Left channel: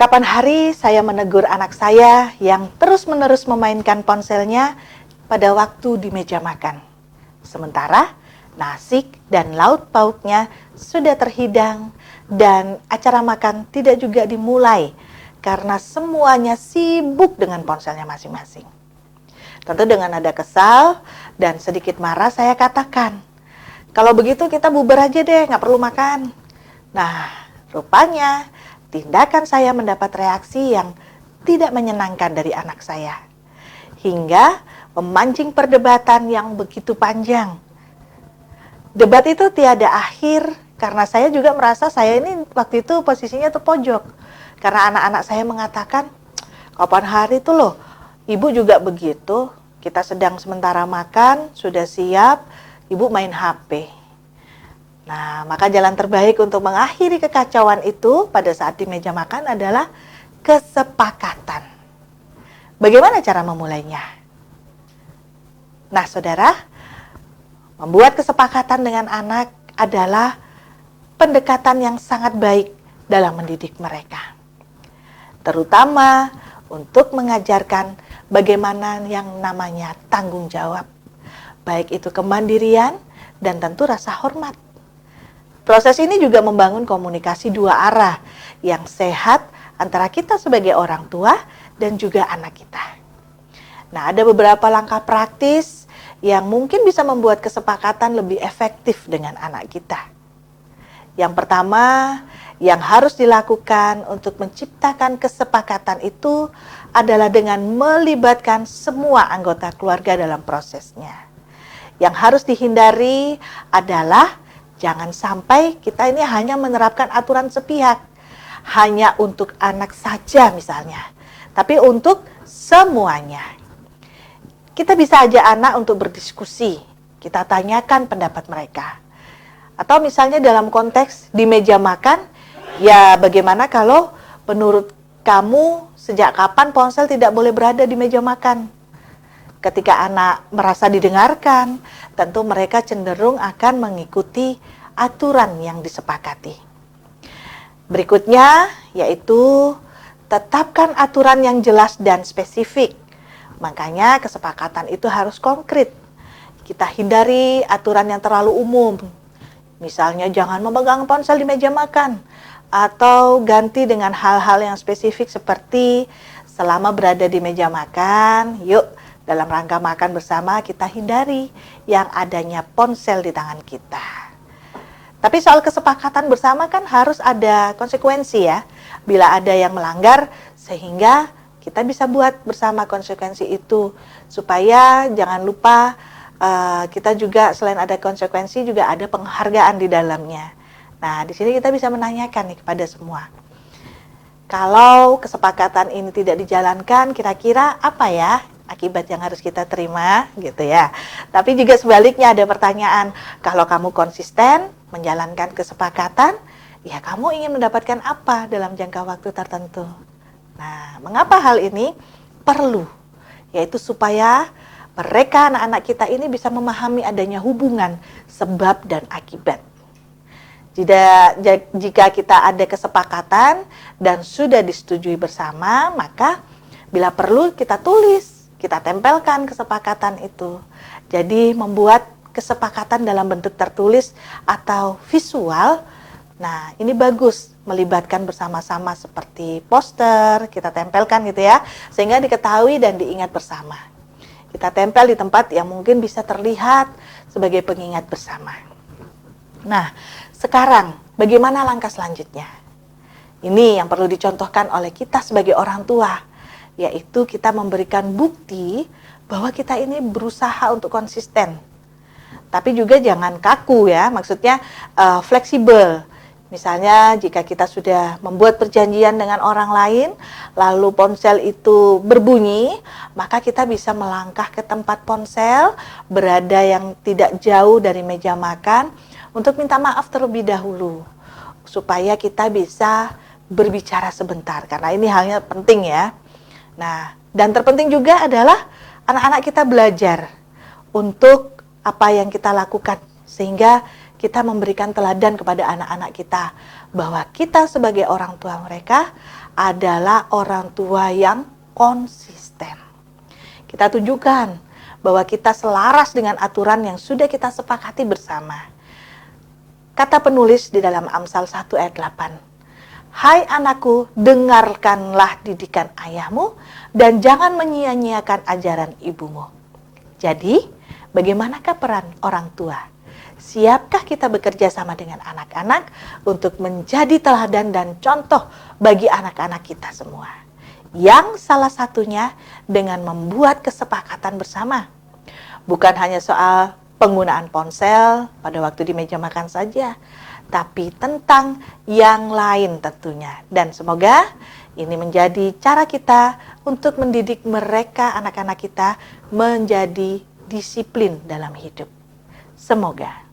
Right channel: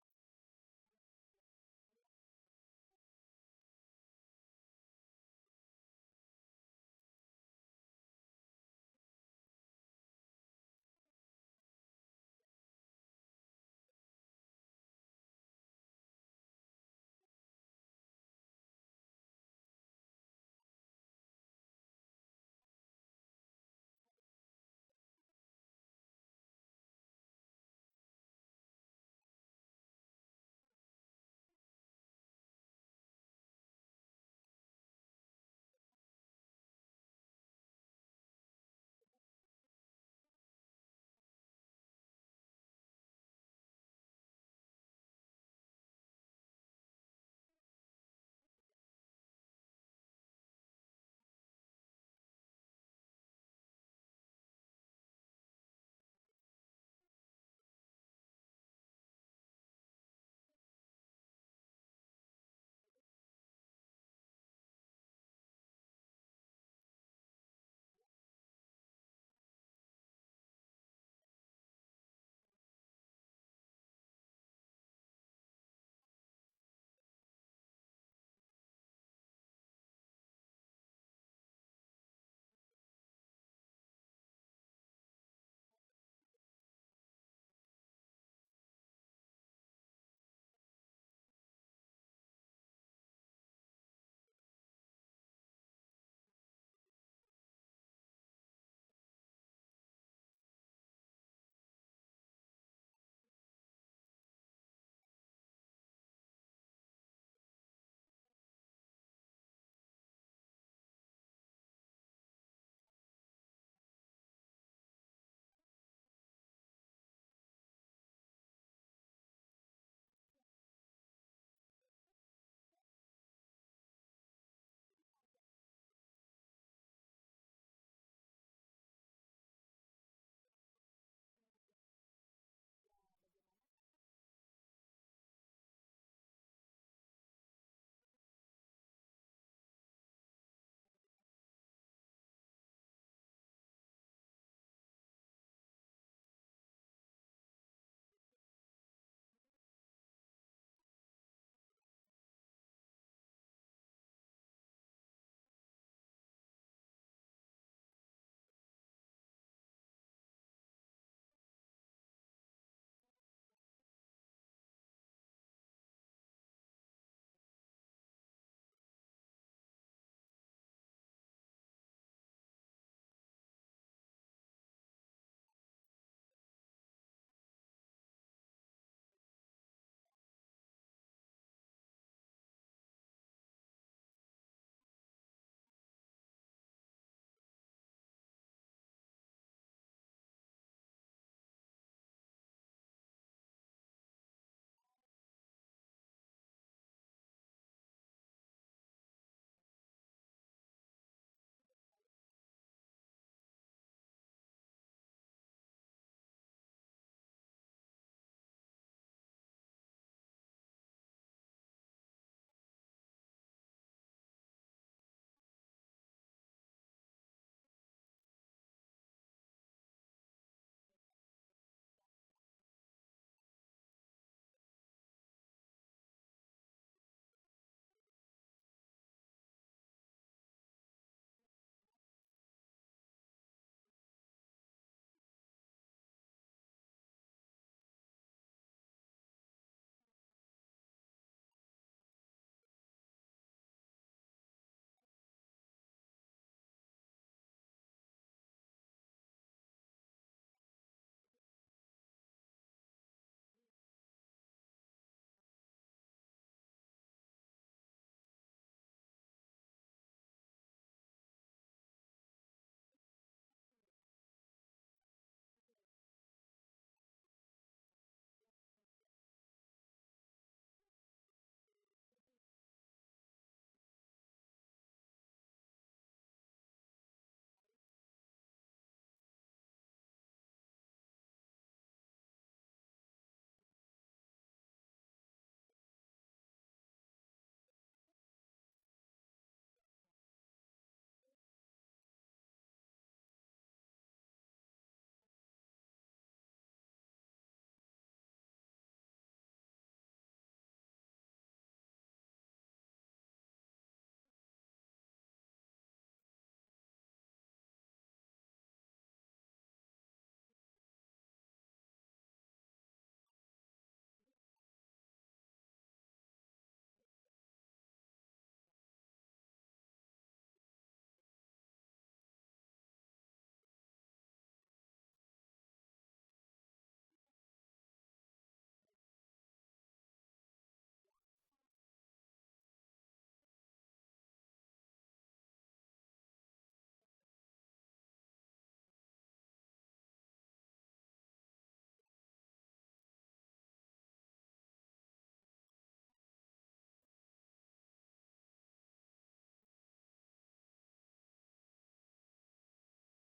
Kapan hari saya menegur anak saya yang terus-menerus memainkan ponselnya pada waktu di meja makan. Sementara nasi dan lauk pauknya sudah terhidang dan acara makan tidak juga dimulai karena semuanya sibuk dengan ponselnya masing-masing. Tentu dengan nada kesal dan sedikit marah saya katakan, kalau begitu kita bubar aja deh, nggak perlu makan. Nah, rupanya tindakan saya mendapat reaksi yang tidak menyenangkan dari anak saya. Hingga memancing perdebatan yang begitu panjang. Debat itu tiada akhir karena saya juga merasa saya ini waktu itu posisinya terpojok. Karena anak-anak saya mengatakan, kapan hari itu loh, ibu juga begitu. Kita sedang sementara makan, sudah siap, ibu main HP. Nah, maka jalan terbaik untuk mengakhiri kekacauan itu pada saat di meja makan adalah kesepakatan. Bagaimana cara memulainya? Nah, saudara, membuat kesepakatan dengan anak adalah pendekatan yang sangat baik dalam mendidik mereka. Terutama untuk mengajarkan bagaimana yang namanya tanggung jawab. Baik itu kemandirian dan tentu rasa hormat. Proses ini juga membangun komunikasi dua arah yang sehat antara kita sebagai orang tua dan juga anak kita. Nah, ada beberapa langkah praktis yang mungkin bisa membuat kesepakatan lebih efektif dengan anak kita. Yang pertama, yang harus dilakukan untuk menciptakan kesepakatan itu adalah dengan melibatkan semua anggota keluarga dalam prosesnya. Yang harus dihindari adalah jangan sampai kita ini hanya menerapkan aturan sepihak, hanya untuk anak saja misalnya, tapi untuk semuanya. Kita bisa ajak anak untuk berdiskusi, kita tanyakan pendapat mereka. Atau misalnya dalam konteks di meja makan, ya bagaimana kalau menurut kamu sejak kapan ponsel tidak boleh berada di meja makan? Ketika anak merasa didengarkan, tentu mereka cenderung akan mengikuti aturan yang disepakati. Berikutnya yaitu tetapkan aturan yang jelas dan spesifik. Makanya kesepakatan itu harus konkret. Kita hindari aturan yang terlalu umum. Misalnya jangan memegang ponsel di meja makan. Atau ganti dengan hal-hal yang spesifik seperti selama berada di meja makan, yuk dalam rangka makan bersama kita hindari yang adanya ponsel di tangan kita. Tapi soal kesepakatan bersama kan harus ada konsekuensi ya. Bila ada yang melanggar sehingga kita bisa buat bersama konsekuensi itu. Supaya jangan lupa kita juga selain ada konsekuensi juga ada penghargaan di dalamnya. Nah, di sini kita bisa menanyakan nih kepada semua. Kalau kesepakatan ini tidak dijalankan, kira-kira apa ya akibat yang harus kita terima gitu ya. Tapi juga sebaliknya ada pertanyaan, kalau kamu konsisten menjalankan kesepakatan, ya kamu ingin mendapatkan apa dalam jangka waktu tertentu. Nah, mengapa hal ini perlu? Yaitu supaya mereka anak-anak kita ini bisa memahami adanya hubungan sebab dan akibat. Jika kita ada kesepakatan dan sudah disetujui bersama, maka bila perlu kita tulis, kita tempelkan kesepakatan itu. Jadi membuat kesepakatan dalam bentuk tertulis atau visual. Nah, ini bagus melibatkan bersama-sama seperti poster, kita tempelkan gitu ya, sehingga diketahui dan diingat bersama. Kita tempel di tempat yang mungkin bisa terlihat sebagai pengingat bersama. Nah, sekarang bagaimana langkah selanjutnya? Ini yang perlu dicontohkan oleh kita sebagai orang tua, yaitu kita memberikan bukti bahwa kita ini berusaha untuk konsisten. Tapi juga jangan kaku ya, maksudnya fleksibel. Misalnya jika kita sudah membuat perjanjian dengan orang lain, lalu ponsel itu berbunyi, maka kita bisa melangkah ke tempat ponsel, berada yang tidak jauh dari meja makan, untuk minta maaf terlebih dahulu. Supaya kita bisa berbicara sebentar, karena ini halnya penting ya. Nah, dan terpenting juga adalah anak-anak kita belajar untuk apa yang kita lakukan, sehingga kita memberikan teladan kepada anak-anak kita bahwa kita sebagai orang tua mereka adalah orang tua yang konsisten. Kita tunjukkan bahwa kita selaras dengan aturan yang sudah kita sepakati bersama. Kata penulis di dalam Amsal 1 ayat 8. Hai anakku, dengarkanlah didikan ayahmu dan jangan menyia-nyiakan ajaran ibumu. Jadi, bagaimanakah peran orang tua? Siapkah kita bekerja sama dengan anak-anak untuk menjadi teladan dan contoh bagi anak-anak kita semua? Yang salah satunya dengan membuat kesepakatan bersama. Bukan hanya soal penggunaan ponsel pada waktu di meja makan saja, tapi tentang yang lain tentunya. Dan semoga ini menjadi cara kita untuk mendidik mereka, anak-anak kita, menjadi disiplin dalam hidup. Semoga.